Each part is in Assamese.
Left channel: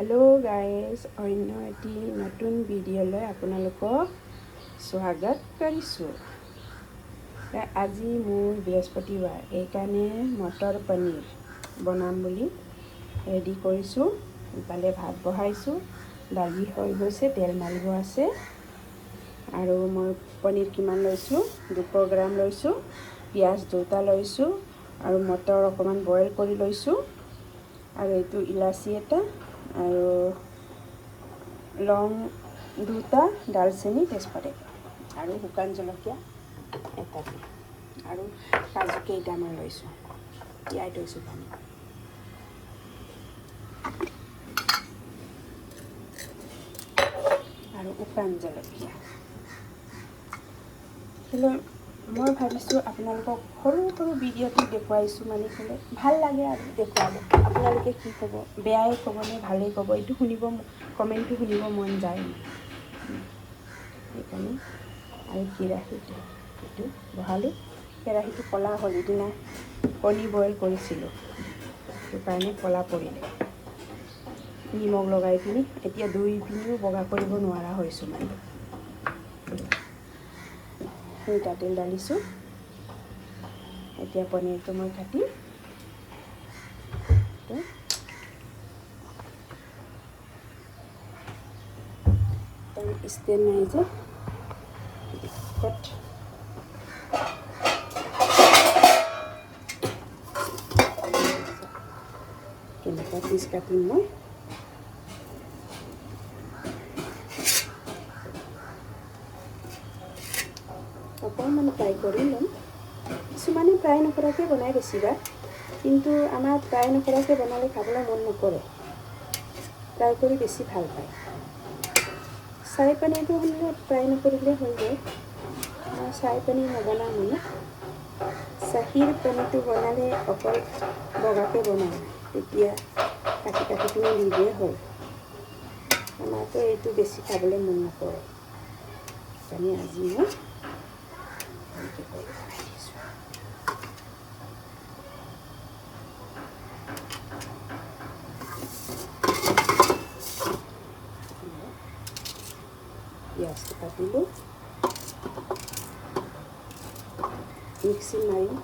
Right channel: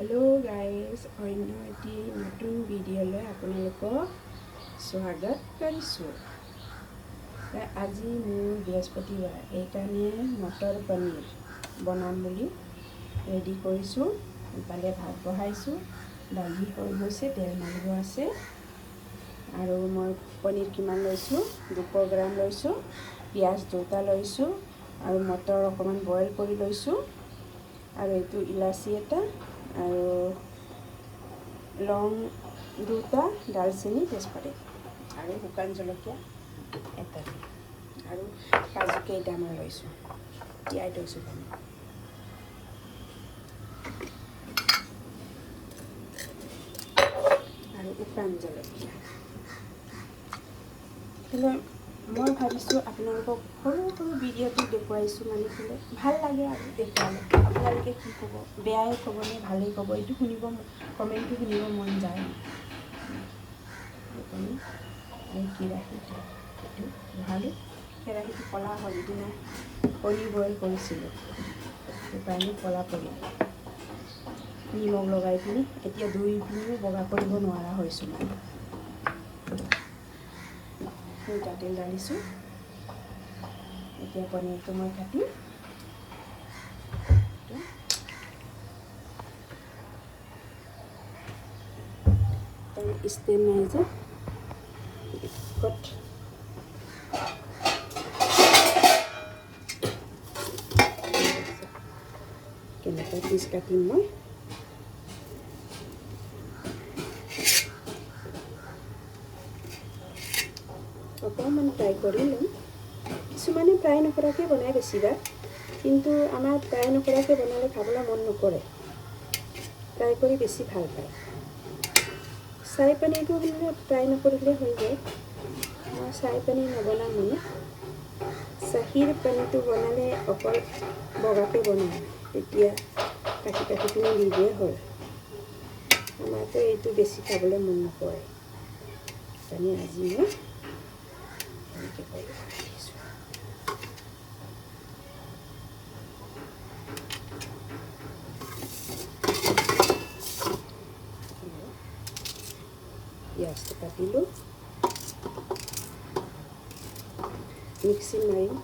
हेलो गाइज अन्य एटी नतुन भिडिओলৈ আপোনালোকক स्वागत কৰিছোঁ। আজি মোৰ বৃহস্পতিবাৰ এইকাৰণে মটৰ পনীৰ বনাম বুলি ৰেডি কৰিছোঁ। ইফালে ভাত বহাইছোঁ, দালি হৈ গৈছে, তেল মাৰিব আছে আৰু মই পনীৰ কিমান লৈছোঁ 200 গ্ৰাম লৈছোঁ, পিঁয়াজ দুটা লৈছোঁ আৰু মটৰ অকণমান বইল কৰি লৈছোঁ আৰু এইটো ইলাচি এটা আৰু লং দুটা, দালচেনি, তেজপাত আৰু শুকান জলকীয়া এটা আৰু কাজু কেইটামান লৈছোঁ, তিয়াই থৈছোঁ পানী আৰু শুকান জলকীয়া। মই ভাবিছোঁ আপোনালোকক সৰু সৰু ভিডিঅ'টো দেখুৱাইছোঁ, মানে ক'লে ভাল লাগে আৰু দেখুৱালে। আপোনালোকে কি ক'ব, বেয়াই ক'বনে ভালেই ক'ব, এইটো শুনিব, কমেণ্টটো শুনিব মন যায়। সেইকাৰণে আৰু কেৰাহীটো এইটো বহালোঁ, কেৰাহীটো ক'লা হ'ল, সিদিনা কণী বইল কৰিছিলোঁ, সেইটো কাৰণে ক'লা পৰিলে। নিমখ লগাই পিনি এতিয়া ধুই পিনিও বগা কৰিব নোৱাৰা হৈছোঁ মানে। দুটা তেল ঢালিছোঁ, এতিয়া পনীৰটো মই কাটিম। ষ্টেণ্ড নাই যে কেনেকুৱা পিচ কাটিম মই। অকণমান ফ্ৰাই কৰি ল'ম। কিছুমানে ফ্ৰাই নকৰাকৈ বনাই বেছিভাগ, কিন্তু আমাৰ ফ্ৰাই নকৰাকৈ বনালে খাবলৈ মন নকৰে, ফ্ৰাই কৰি বেছি ভাল পায়। চাই পানীটো হ'লে ফ্ৰাই নকৰিলে হৈ যায়। মই চাই পানী নবনাওঁ, মানে চাহীৰ পানীটো বনালে অকল বগাকৈ বনাওঁ, তেতিয়া কাটি কাটি পিনি দি দিয়ে হ'ল। আমাৰতো এইটো বেছি খাবলৈ মন নকৰে, সেইকাৰণে আজি মই এনেকৈ কৰি বনাই দিছোঁ। পিঁয়াজটো কাটিলোঁ, মিক্সি মাৰিম।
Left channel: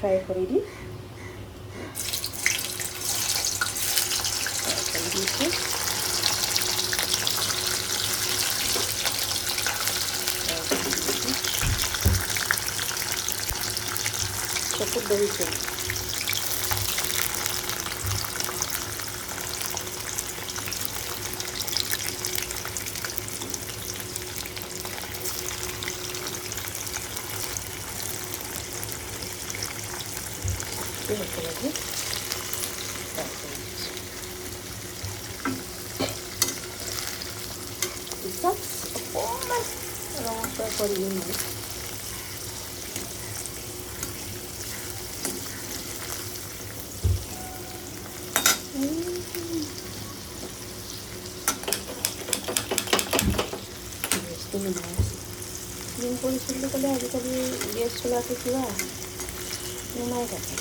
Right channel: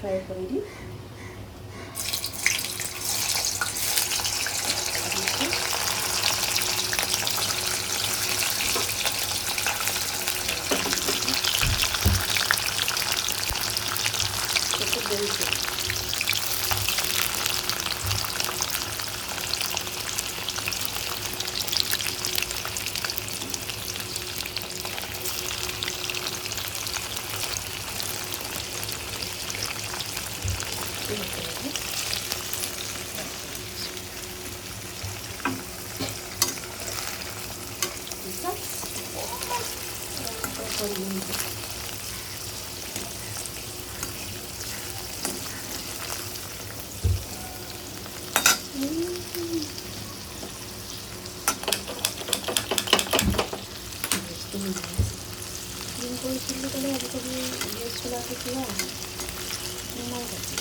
ফ্ৰাই কৰি দিম। চকুত ধৰিছোঁ। কৰিছিলোঁ ক'লে আজিকালি গেছ চলাটো কিবা নাই কাটি।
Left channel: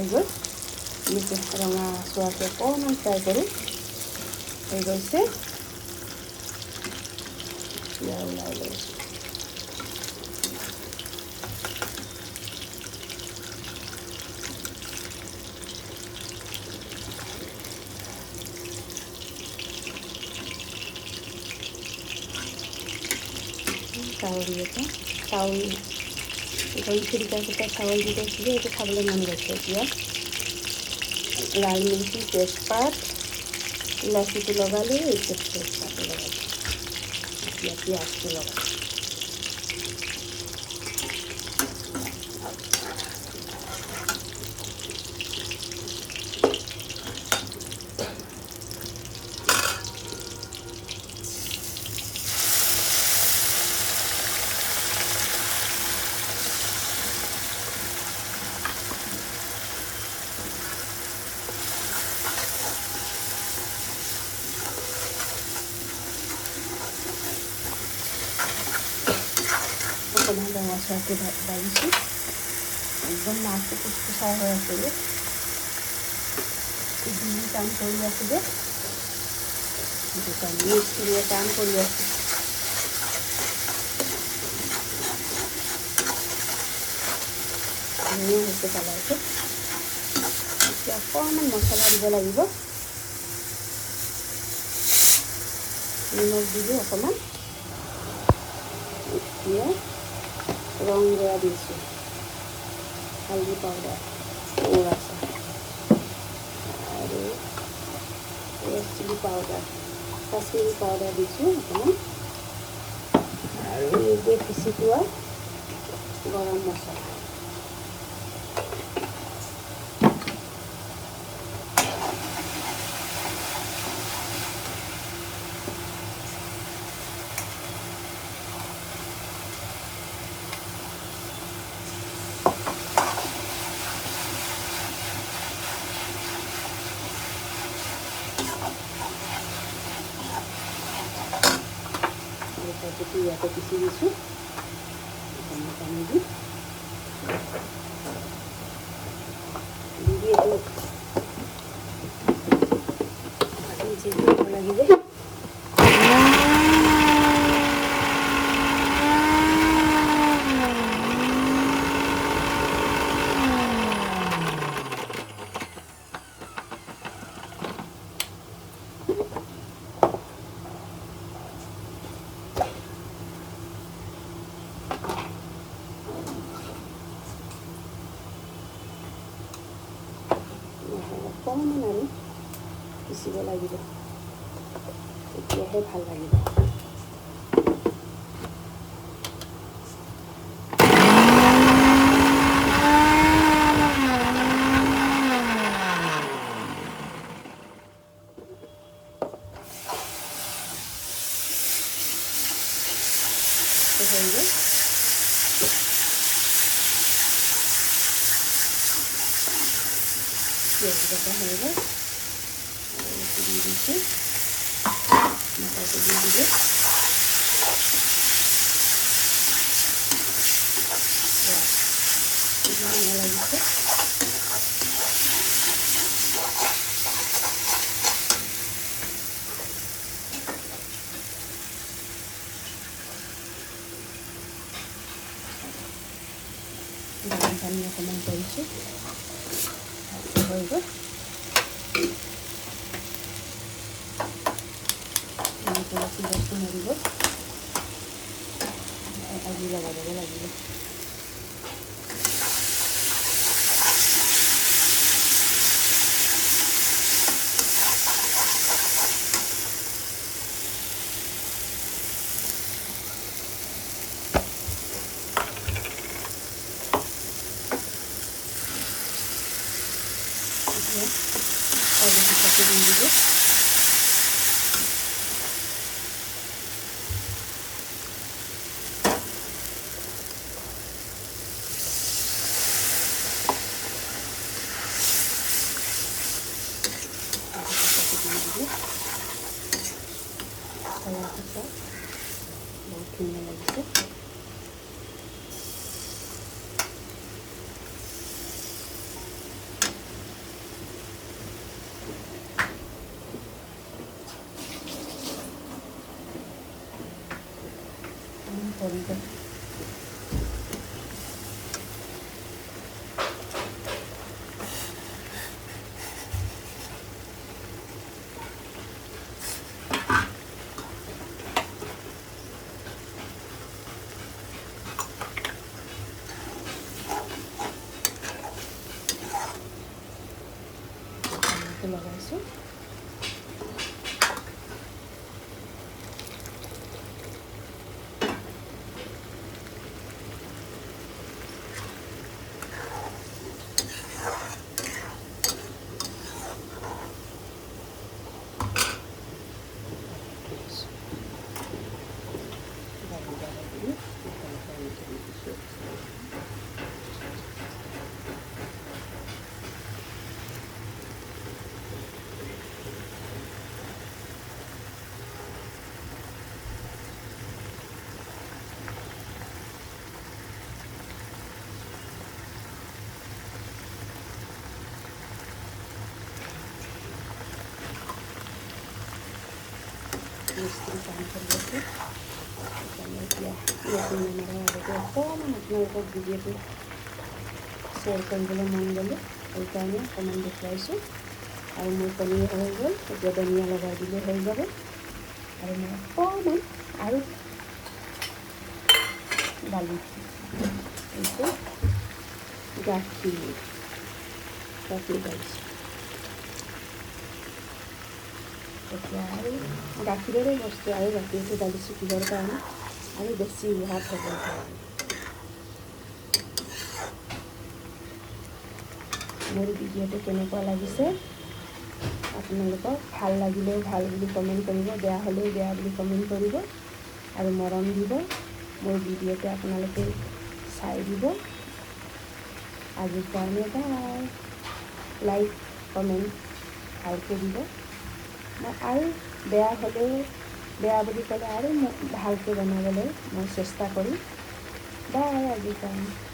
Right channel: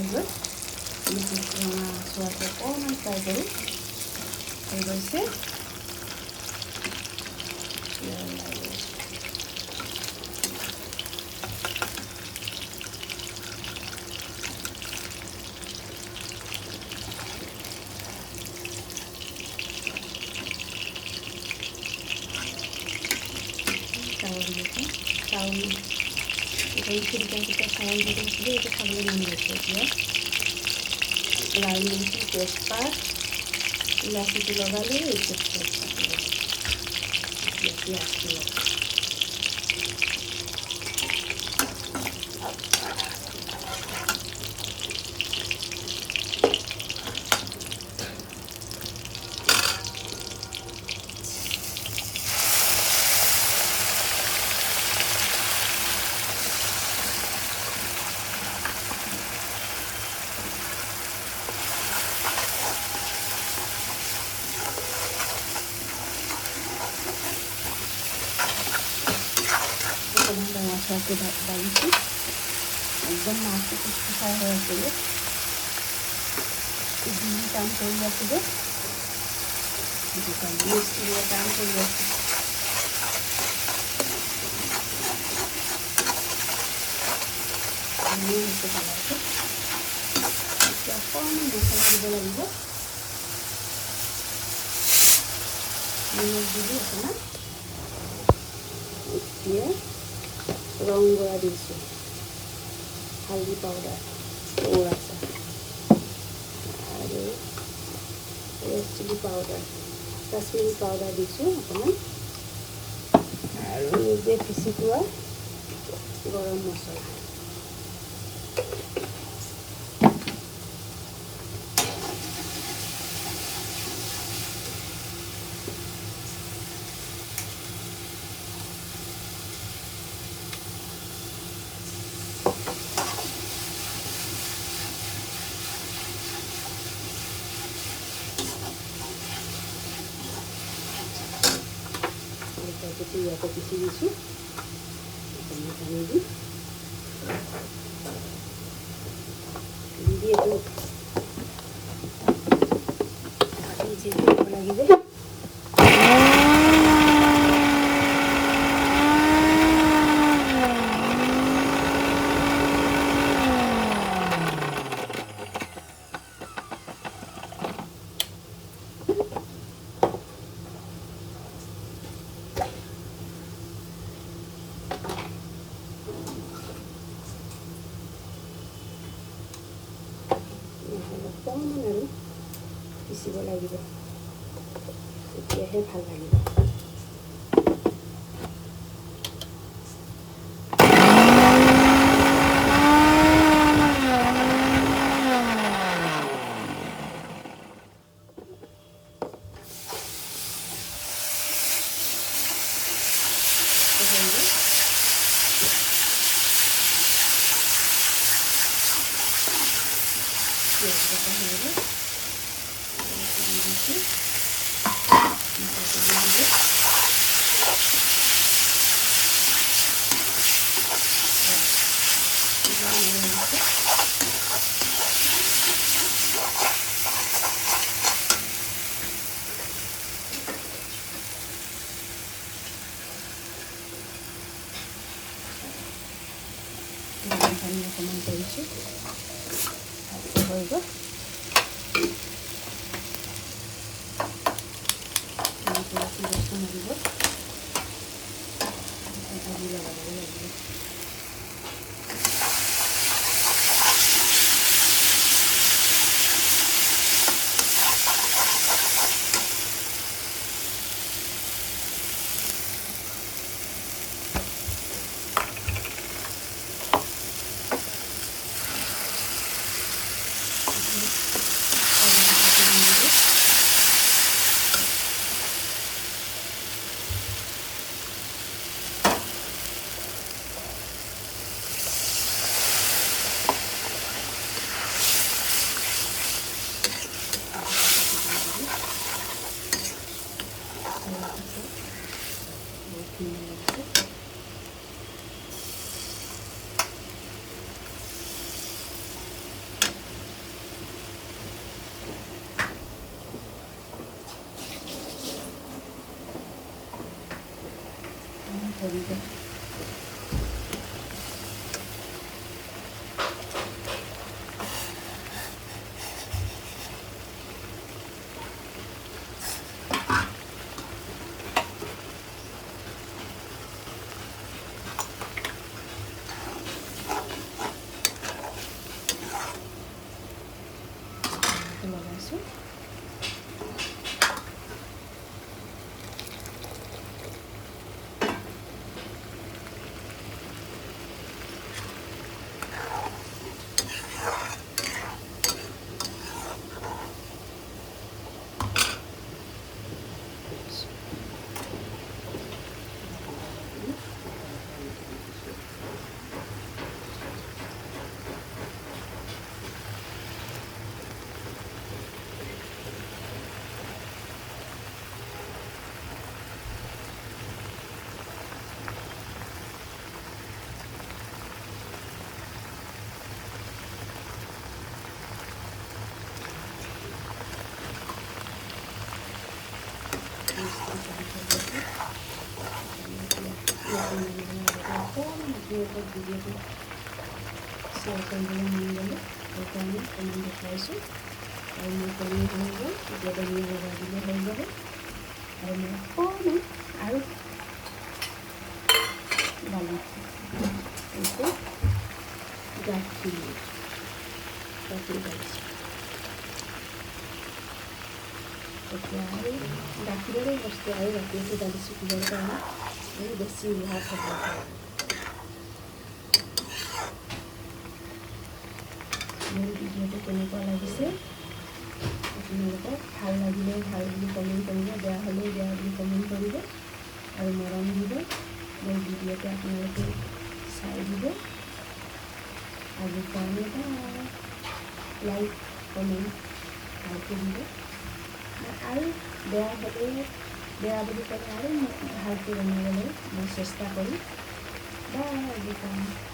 হৈ গ'ল। ৰঙা চোৱাকৈ অকণমান ফ্ৰাই কৰি হৈ গৈছে। ওলাই লৈছোঁ। চাউল দিছোঁ, চাউল খিৰিকাকেইটা চাউল দি গৈছিলোঁ, এইটো খাবলৈ মন গৈছে এতিয়া। লাল মিৰ্চি, তেজপাত, ইলাচিটো লগালোঁ, এইটো তেজপাতটো লগাইছোঁ। এতিয়া পিঁয়াজটো লগাইছোঁ। অকণমান ৰঙা চোৱাকৈ বাঢ়িছোঁ। একদম মাছটো কুচকুচাই হৈ আছিলে, কাম কৰি আছিলে, সেইটো কাৰণে মিস্ত্ৰীয়ে কাম কৰি আছে। হৈছে কালাৰটো। এতিয়া অকণমান মছলা দিব লাগিব, নিমখ দিলোঁ অকণমান। এতিয়া ৰং গুড়া দিছোঁ, হালধি পাউডাৰ, আছে আৰু red chilli powder, Kashmiri powder দিছোঁ অকণমান, আৰু নিজে পিচি থোৱা গৰম মছলা। ইয়াতে পিচি দিছোঁ, পানী দি এইটো দিব লাগিব। অকণমান আৰু পিচিব লাগিব, তেতিয়াহে ভাল লাগিব। পিঁয়াজ বাটা হৈ গ'ল, দি দিছোঁ, মটৰটো দি দিলোঁ। লাগিছে গৰম পানী অকণমান কৰিছোঁ, হৈ গ'ল। পিঁয়াজটো মাৰিব, আজি লগাব লাগিব। বহুত ধুনীয়া লাগিছে। ধৰিব। লগাইছোঁ। Mesti campur gitu. Kemudian আপোনালোকক ভিডিঅ'টো শ্বেয়াৰ কৰিবলৈ মন গ'লে সেইকাৰণে অকণমান দেখুৱাইছোঁ। আৰু মোৰ কণী হৈ গ'ল, এতিয়া ধনিয়া লগাই দিলে হৈ যাব। আৰু মই অকণমান আৰু দালি এইটো গাখীৰ ঢালিছোঁ। এতিয়া আৰু গাখীৰৰে বস্তু আৰু গাখীৰটো ঢালিছোঁ কিহৰ কাৰণে, আৰু বেছি সোৱাদ হ'ব। মোৰ ভিডিঅ'টো কেনেকুৱা লাগিছে আপোনালোকক ভাল লাগিলেও ভাল বুলি কমেণ্ট কৰিব, বেয়া হ'লেও বেয়া বুলি কমেণ্ট কৰিব আৰু মৰম দিব। মোৰ ভিডিঅ'টো আপোনালোকে চাই দিব। আজিৰ কাৰণে বাই। লাইক কমেণ্ট ভালকৈ দিব। আৰু বেয়া হ'লেও বেয়া বুলি ক'লে আৰু ভালকৈ বনাবলৈ মই চেষ্টা কৰিম। বাই আজিৰ কাৰণে।